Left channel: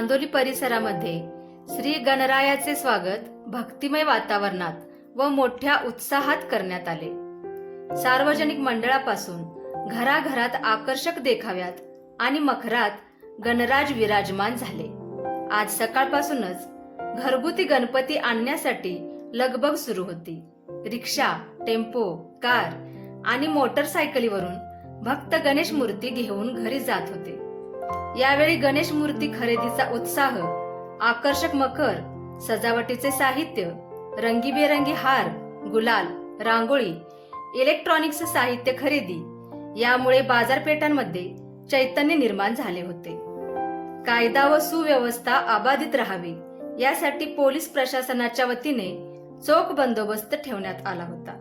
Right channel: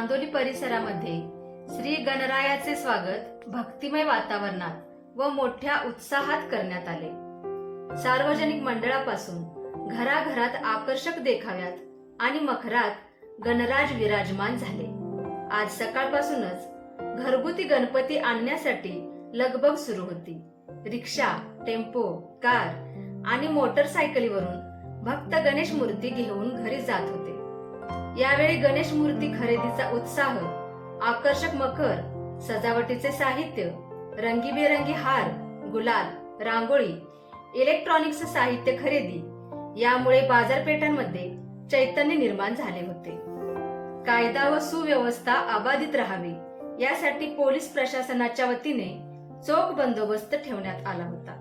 चांदोली परिसरामध्ये श्री गणरायाचे स्वागत भक्तिमय वातावरणात व मोठ्या उत्साहात करण्यात आले। सार्वजनिक मंडळापासून घराघरात आकर्षक देखाव्यात आणि मखरात गणराज विराजमान झाले। आज सकाळपासूनच घरगुती गणपती आणण्यासाठी लगबग सुरू होती। रिक्षा, टेम्पो, कार आणि मोटरसायकलीवरून भक्त गणेश मूर्ती घेऊन घरी जात होते। यावेळी गणेश मूर्ती खरेदीचा उत्साह, आकर्षक मखर, सजावटीचे साहित्य, रंगीबेरंगी हार, गुलाल, रांगोळी, इलेक्ट्रॉनिक्स साहित्य खरेदी यामुळे बाजारपेठांमध्ये चैतन्य निर्माण झाले होते। कायदा व सुव्यवस्था अबाधित राहावी यासाठी पोलीस प्रशासनाच्या वतीने चोख बंदोबस्त ठेवण्यात आला होता।